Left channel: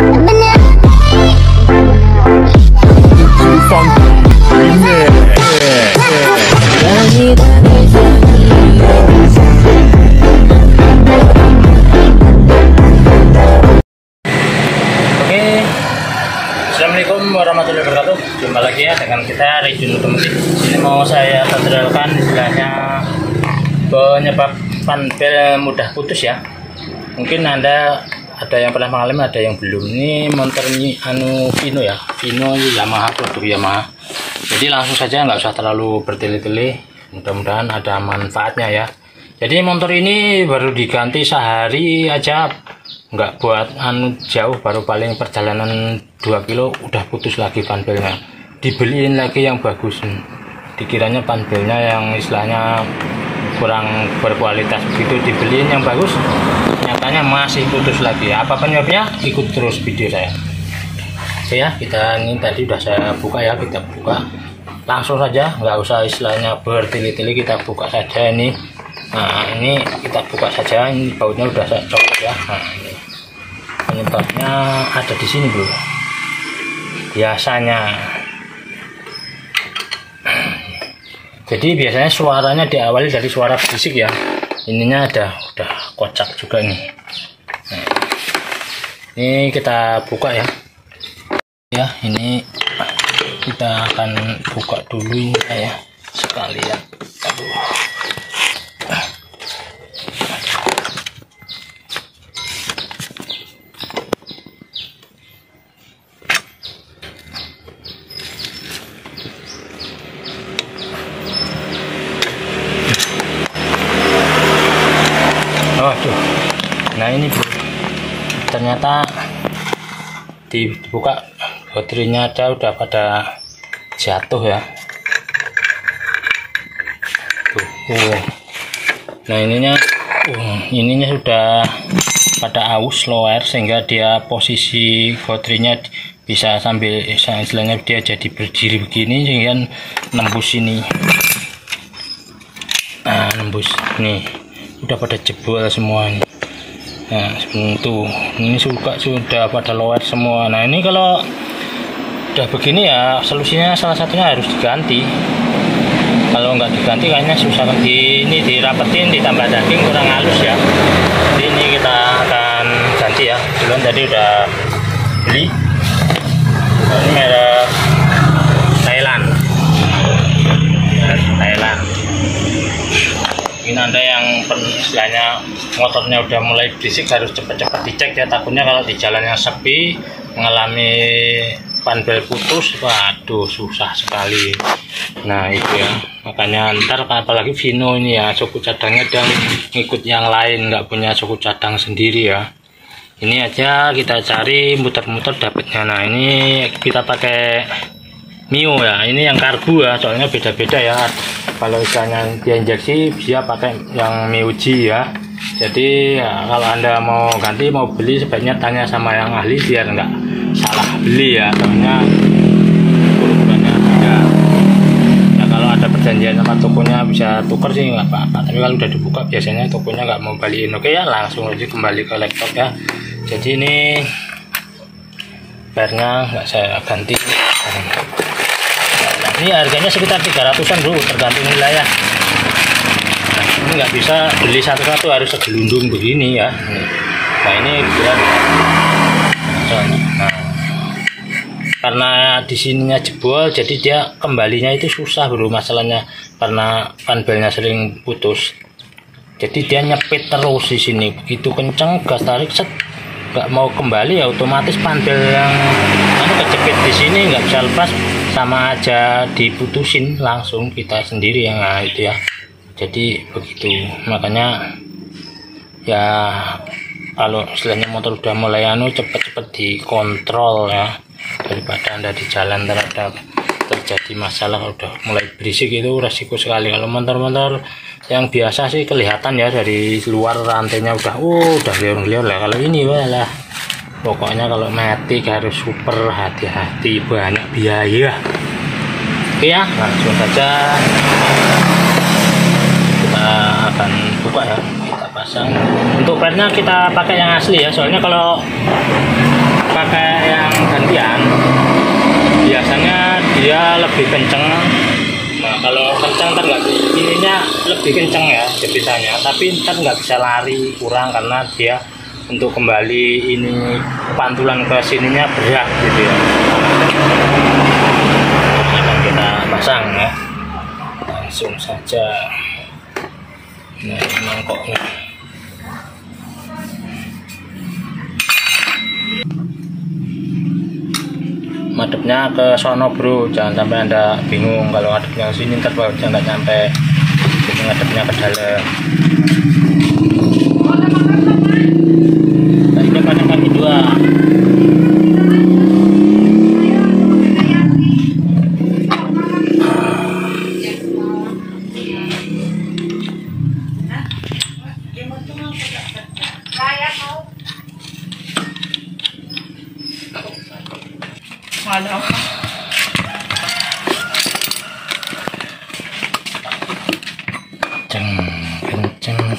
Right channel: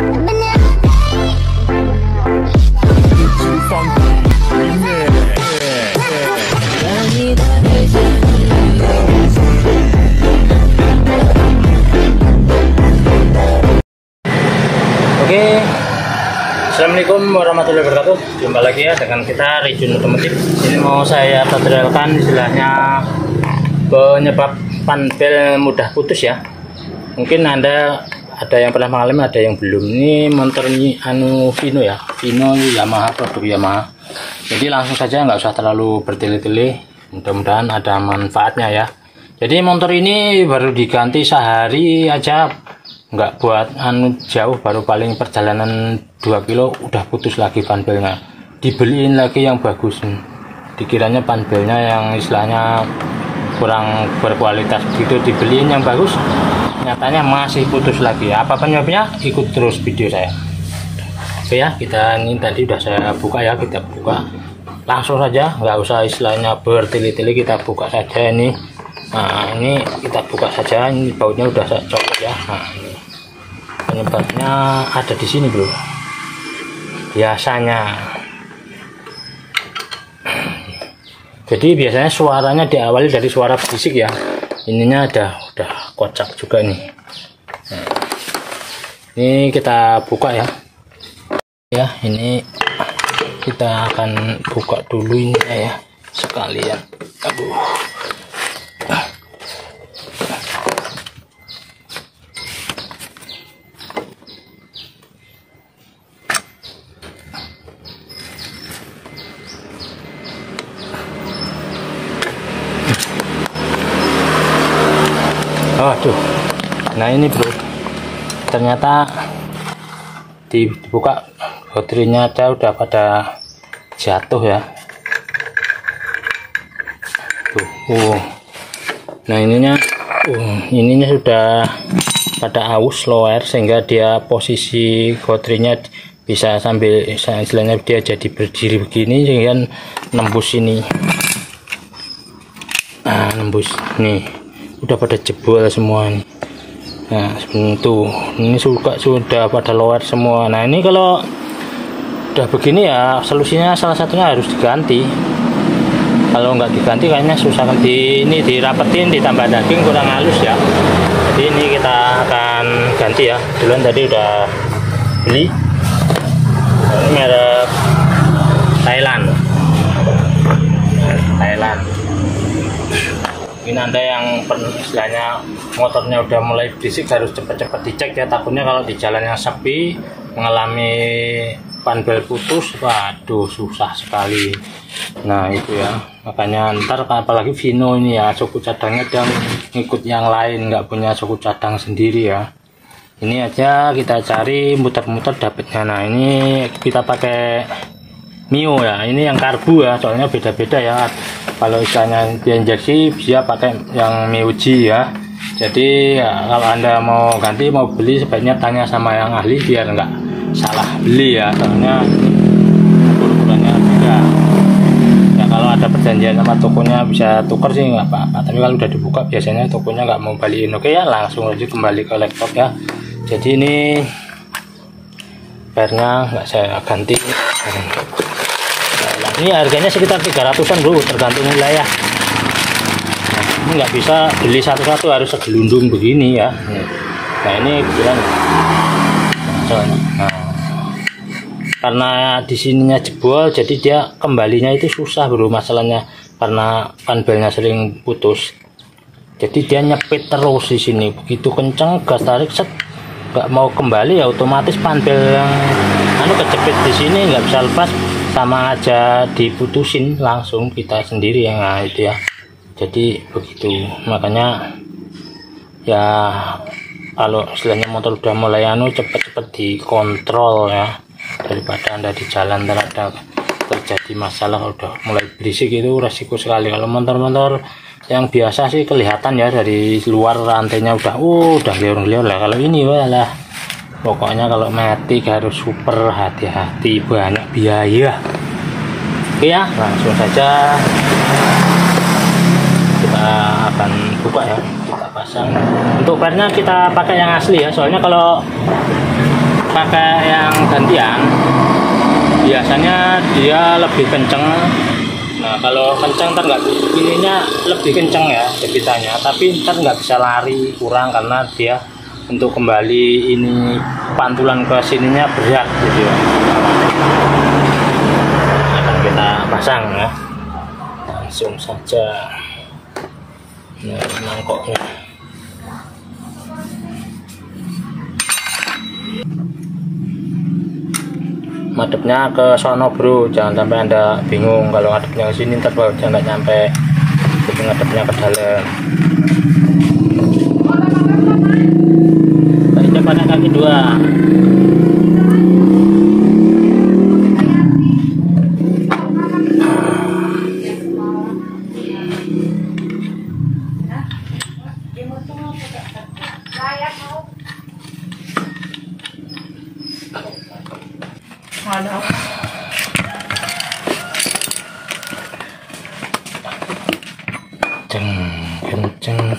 Assalamualaikum warahmatullahi wabarakatuh. Jumpa lagi ya dengan kita Rijun Otomotif. Ini mau saya tutorialkan istilahnya penyebab panbel mudah putus ya. Mungkin Anda ada yang pernah mengalami, ada yang belum. Ini motor ini Vino ya, Vino Yamaha, produk Yamaha. Jadi langsung saja, nggak usah terlalu bertele-tele. Mudah-mudahan ada manfaatnya ya. Jadi motor ini baru diganti sehari aja, nggak buat jauh, baru paling perjalanan 2 kilo udah putus lagi panbelnya. Dibeliin lagi yang bagus, dikiranya panbelnya yang istilahnya kurang berkualitas gitu, dibeliin yang bagus, nyatanya masih putus lagi. Apa penyebabnya? Ikut terus video saya. Oke ya, kita ini tadi udah saya buka ya, kita buka langsung saja, nggak usah istilahnya bertele-tele, kita buka saja ini. Nah ini kita buka saja, ini bautnya udah saya copot ya. Nah ini penyebabnya ada di sini bro, biasanya. Jadi biasanya suaranya diawali dari suara berisik ya. Ininya udah kocak juga nih. Nah, ini kita buka ya. Ya ini kita akan buka dulu ini ya sekalian. Aduh. Waduh, nah ini bro, ternyata dibuka baterainya udah pada jatuh ya. Nah ininya sudah pada aus low air, sehingga dia posisi baterainya bisa sambil istilahnya dia jadi berdiri begini, sehingga nembus ini. Nah nembus nih, udah pada jebol semua ini. Nah seperti itu, ini sudah pada lower semua. Nah ini kalau udah begini ya, solusinya salah satunya harus diganti. Kalau nggak diganti kayaknya susah. Ini dirapetin, ditambah daging kurang halus ya. Jadi ini kita akan ganti ya. Duluan tadi udah beli. Nah, ini merek Thailand. Ini Anda yang istilahnya motornya udah mulai berisik harus cepat-cepat dicek ya, takutnya kalau di jalan yang sepi mengalami panbel putus, waduh susah sekali. Nah itu ya, makanya ntar apalagi Vino ini ya, suku cadangnya dan ngikut yang lain, nggak punya suku cadang sendiri ya. Ini aja kita cari muter-muter dapatnya. Nah ini kita pakai Mio ya, ini yang karbu ya, soalnya beda-beda ya. Kalau misalnya dia injeksi, dia pakai yang Mioji ya. Jadi ya, kalau Anda mau ganti, mau beli, sebaiknya tanya sama yang ahli biar nggak salah beli ya, soalnya bukannya beda. Ya kalau ada perjanjian sama tokonya bisa tuker sih nggak apa-apa, tapi kalau udah dibuka biasanya tokonya nggak mau balikin. Oke ya, langsung aja kembali ke laptop ya. Jadi ini pernya nggak saya ganti. Ini harganya sekitar 300-an bro, tergantung wilayah. Nah, ini nggak bisa beli satu-satu, harus segelundung begini ya. Nah ini kebetulan. Nah, karena di sininya jebol, jadi dia kembalinya itu susah bro, masalahnya karena panbelnya sering putus. Jadi dia nyepit terus di sini, begitu kenceng gas tarik set, nggak mau kembali ya, otomatis panbel yang kecepit di sini nggak bisa lepas, sama aja diputusin langsung kita sendiri yang. Nah itu ya, jadi begitu. Makanya ya kalau istilahnya motor udah mulai cepet-cepet dikontrol ya, daripada Anda di jalan terhadap terjadi masalah udah mulai berisik, itu resiko sekali. Kalau motor-motor yang biasa sih kelihatan ya, dari luar rantainya udah liur-liur lah. Kalau ini lah pokoknya kalau matic harus super hati-hati, banyak biaya. Oke ya, langsung saja kita akan buka ya, kita pasang. Untuk pernya kita pakai yang asli ya, soalnya kalau pakai kesepian biasanya dia lebih kenceng. Nah kalau kenceng ntar nggak, ininya lebih kenceng ya jepitannya, tapi ntar nggak bisa lari, kurang karena dia untuk kembali ini pantulan ke sininya berat gitu ya. Akan kita pasang ya, langsung saja. Nah mangkoknya madepnya ke sono bro, jangan sampai anda bingung kalau ngadepnya ke sini ntar bautnya nggak nyampe, jadi ngadepnya ke dalam. Kita pakai kaki dua. Kenceng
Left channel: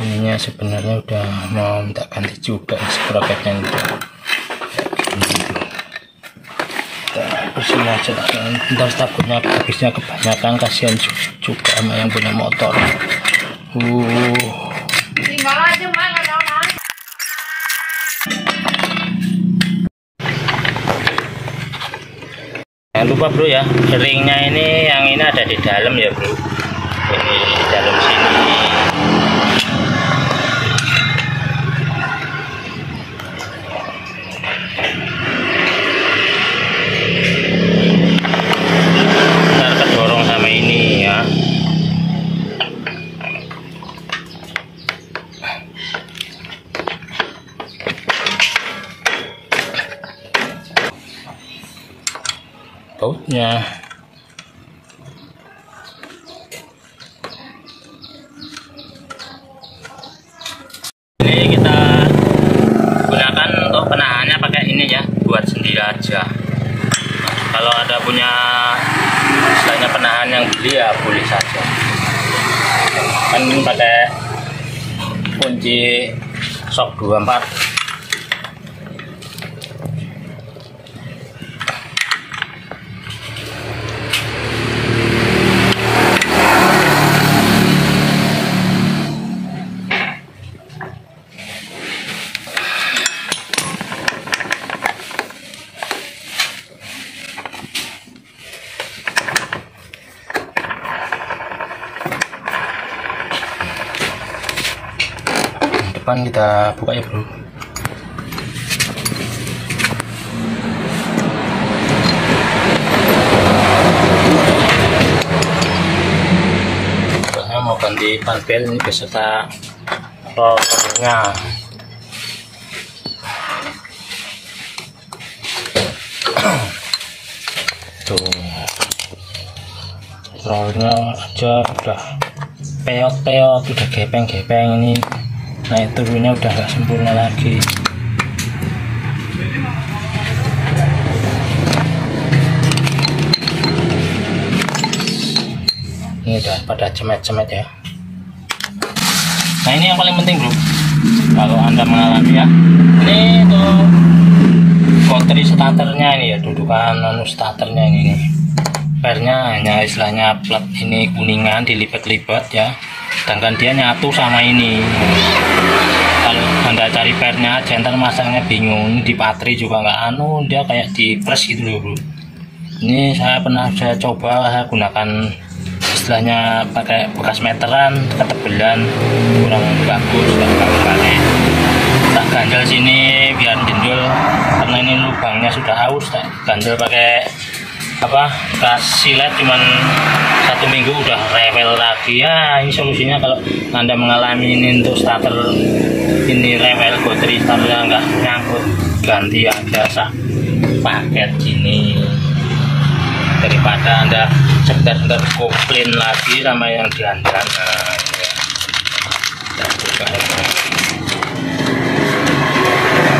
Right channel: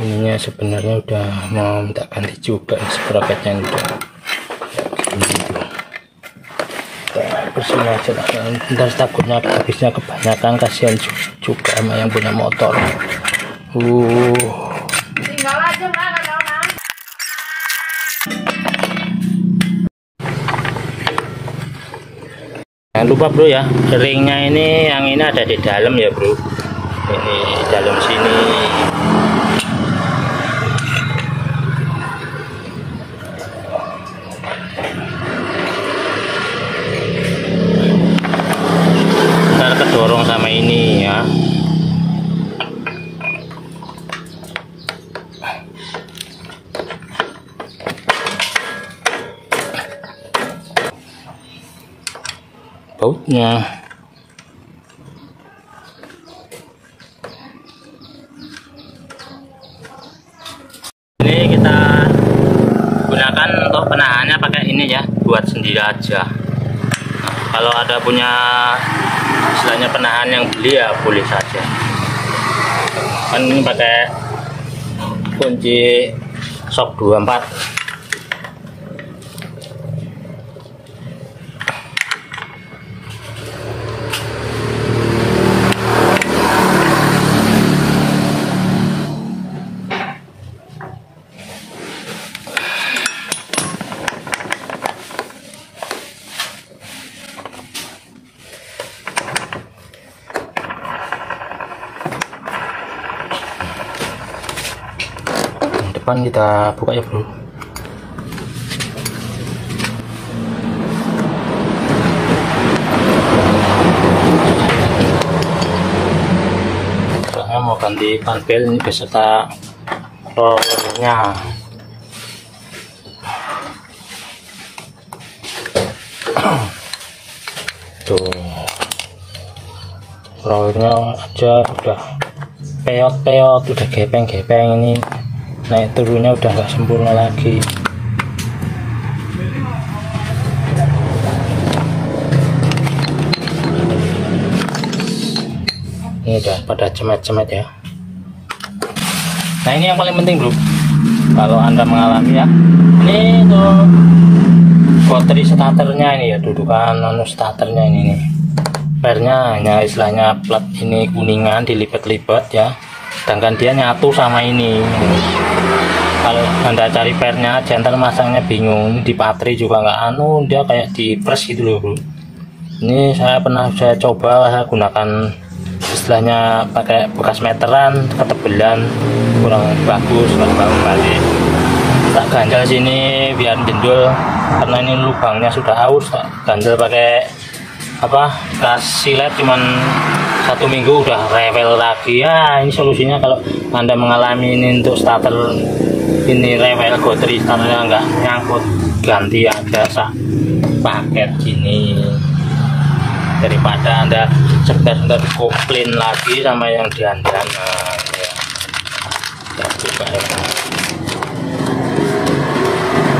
ininya, sebenarnya udah mau minta ganti juga sproketnya udah bersihin aja lah, ntar takutnya habisnya kebanyakan, kasihan juga sama yang punya motor. Tinggal aja Mbak, nggak ada. Jangan lupa bro ya, ringnya ini yang ini ada di dalam ya bro, ini di dalam sini. Ntar kedorong sama ini ya. Bautnya ini kita gunakan untuk penahannya pakai ini ya, buat sendiri aja. Kalau ada punya istilahnya penahan yang beli ya boleh saja, kan ini pakai kunci shock 24. Depan kita buka ya bro. Saya mau ganti panpel ini beserta rollernya. Tuh rollernya aja udah peot-peot, udah gepeng-gepeng, ini naik turunnya udah nggak sempurna lagi. Ini udah pada cemet-cemet ya. Nah ini yang paling penting bro, kalau anda mengalami ya, ini tuh bateri starternya ini ya, dudukan starternya ini nih. Pernya hanya istilahnya plat ini kuningan dilipat-lipat ya, sedangkan dia nyatu sama ini. Kalau anda cari pernya aja ntar masangnya bingung, ini di patri juga nggak dia kayak di press gitu loh bro. Ini saya coba, saya gunakan istilahnya pakai bekas meteran, ketebelan kurang bagus, baru balik tak ganjel sini biar jendol, karena ini lubangnya sudah haus. Tak ganjel pakai gas silet cuman 1 minggu udah rewel lagi ya. Ini solusinya kalau anda mengalami ini untuk starter ini rewel, bateri starternya nggak nyangkut, ganti aja paket gini daripada anda sekedar komplain lagi sama yang diandalkan. Ya. Kita buka ya.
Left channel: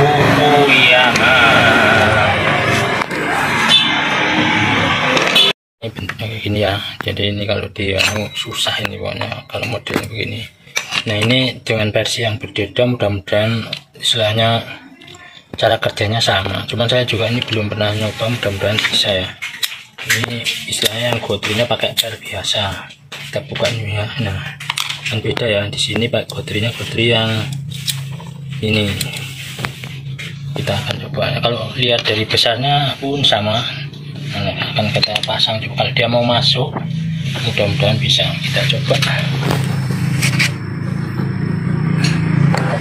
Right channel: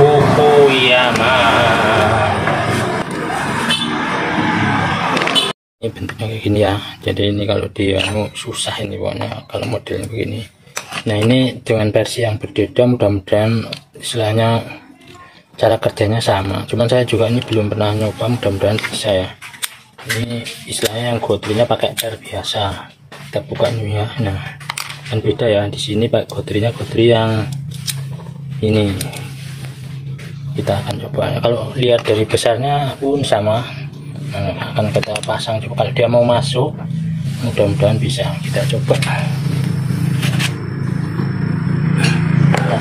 Buku yang ini bentuknya kayak gini ya, jadi ini kalau dia susah ini pokoknya kalau modelnya begini. Nah ini dengan versi yang berbeda, mudah-mudahan istilahnya cara kerjanya sama, cuman saya juga ini belum pernah nyoba, mudah-mudahan bisa ya. Ini istilahnya yang gotrinya pakai per biasa, kita buka ini ya. Nah kan beda ya, di sini pakai gotrinya gotri yang ini. Kita akan coba, kalau lihat dari besarnya pun sama. Nah, akan kita pasang coba, kalau dia mau masuk mudah-mudahan bisa, kita coba.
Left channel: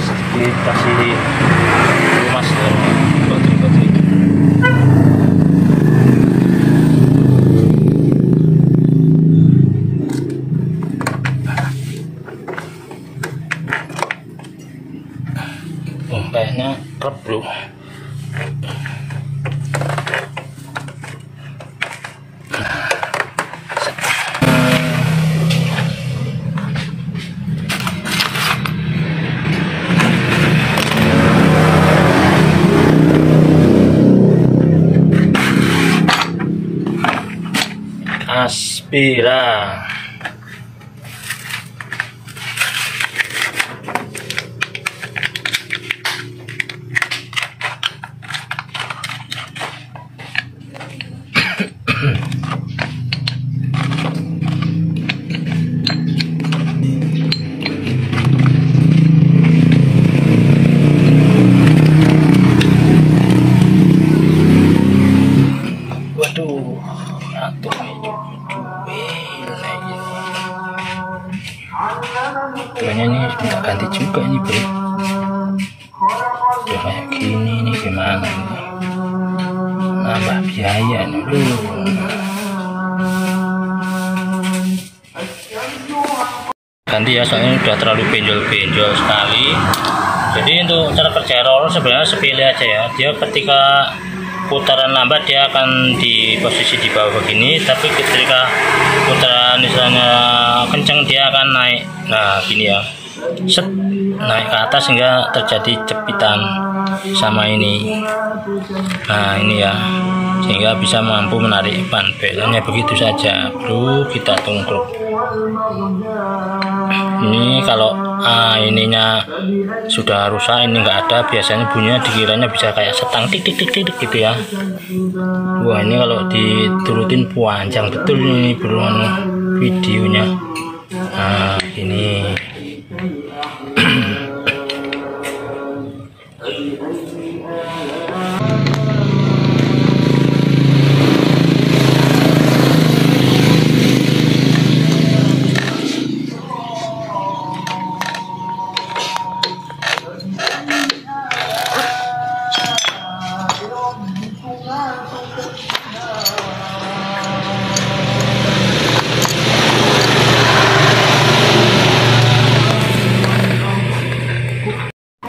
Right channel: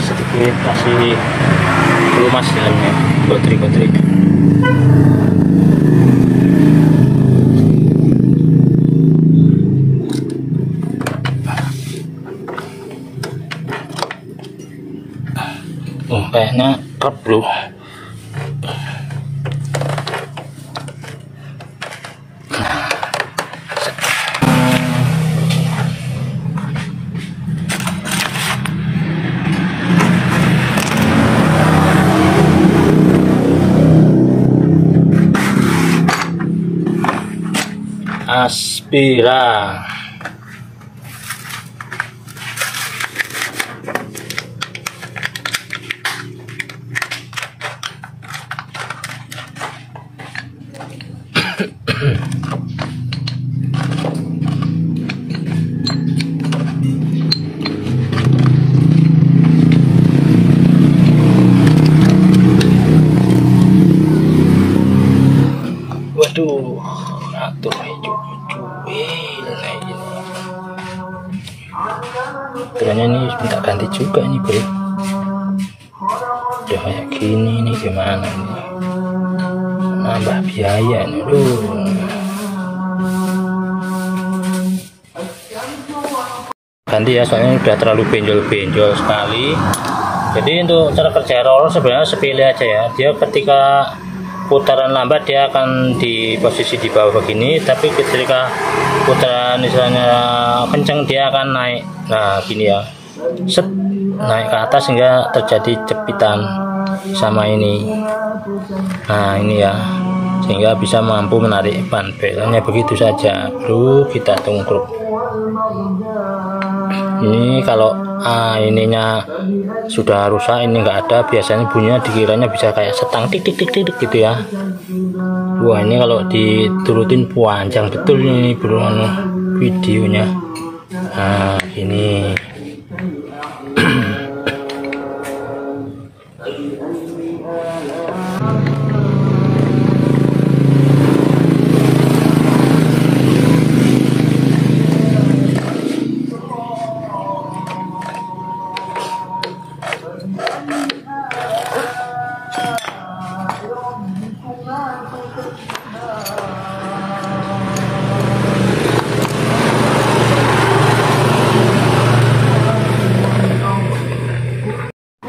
Sedikit masih lumas dalamnya, gotri-gotri. Oh kayaknya kerap bro. Aspira. Waduh, atuh ternyata ini minta ganti juga ini bro. Udah kayak gini nih gimana nih, nambah biaya nih bro. Ganti ya, soalnya udah terlalu benjol-benjol sekali. Jadi untuk cara kerja roller sebenarnya sepele aja ya. Dia ketika putaran lambat dia akan di posisi di bawah begini, tapi ketika putaran misalnya kencang dia akan naik. Nah gini ya, set, naik ke atas sehingga terjadi jepitan sama ini. Nah ini ya, sehingga bisa mampu menarik ban belnya. Begitu saja bro, kita tungkruk. Ini kalau ininya sudah rusak, ini enggak ada, biasanya bunyinya dikiranya bisa kayak setang tik tik tik tik gitu ya. Wah ini kalau diturutin panjang betul ini bro videonya. Nah ini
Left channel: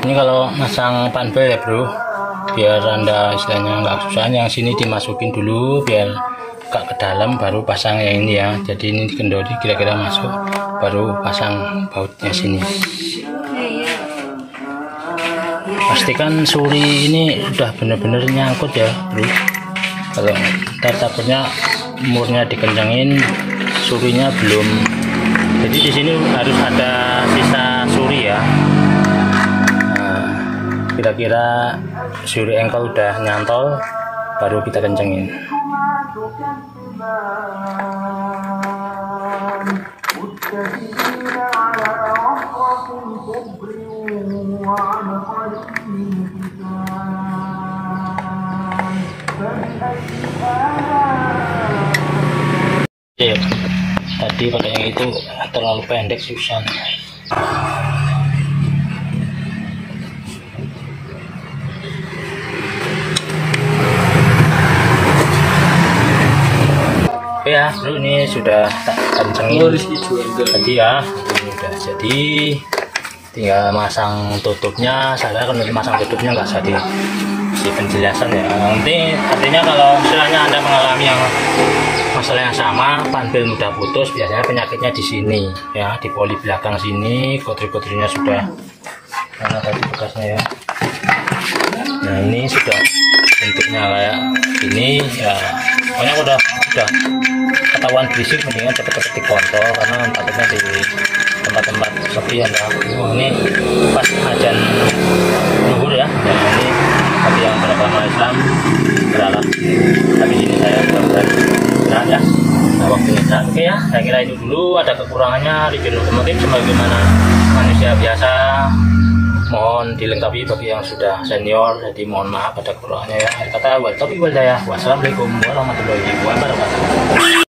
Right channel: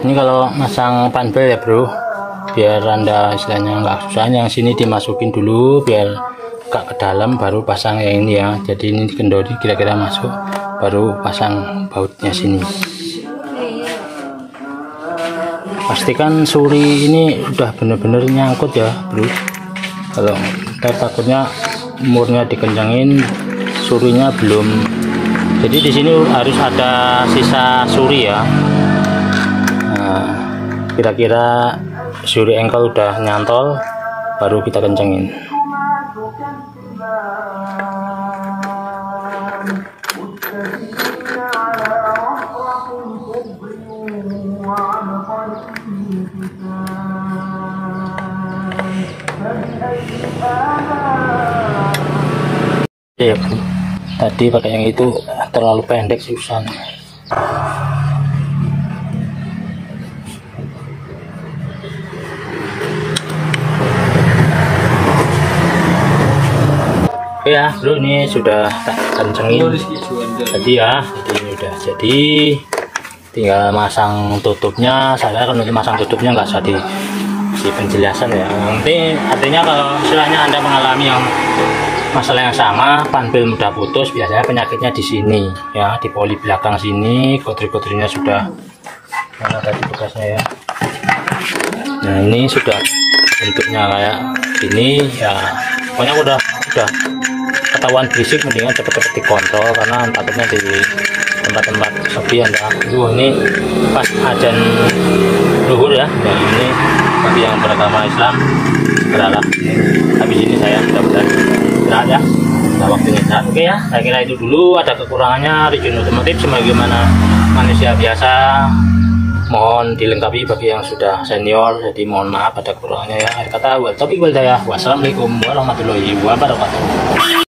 ini kalau masang panbel ya bro, biar anda istilahnya nggak susah, yang sini dimasukin dulu biar gak ke dalam, baru pasang yang ini ya. Jadi ini dikendori kira-kira masuk, baru pasang bautnya sini. Pastikan suri ini udah bener-bener nyangkut ya bro, kalau ntar takutnya murnya dikencangin surinya belum. Jadi di sini harus ada sisa suri ya. Kira-kira suri engkel udah nyantol, baru kita kencengin. Tadi pakai yang itu terlalu pendek, susah. Oke ya bro, ini sudah tak kencengin tadi ya. Ini udah jadi, tinggal masang tutupnya. Saya kalau masang tutupnya nggak usah di penjelasan ya. Nanti artinya kalau istilahnya anda mengalami yang masalah yang sama, panbel mudah putus, biasanya penyakitnya di sini ya, di poli belakang sini. Gotri-gotrinya sudah mana tadi bekasnya ya. Nah ini sudah bentuknya kayak ini ya. Pokoknya udah ketahuan berisik, mendingan cepet-cepet dikontrol, karena takutnya di tempat-tempat sepi ya. Wah ini pas ajan zuhur ya. Nah ini tapi yang beragama Islam berharap habis ini saya mudah-mudahan istirahat ya. Nah, waktunya istirahat. Oke ya, saya kira itu dulu. Ada kekurangannya Region Otomotif sebagaimana manusia biasa, mohon dilengkapi bagi yang sudah senior, jadi mohon maaf ada kekurangannya ya. Kata wa taufiq wal hidayah. Wassalamualaikum warahmatullahi wabarakatuh.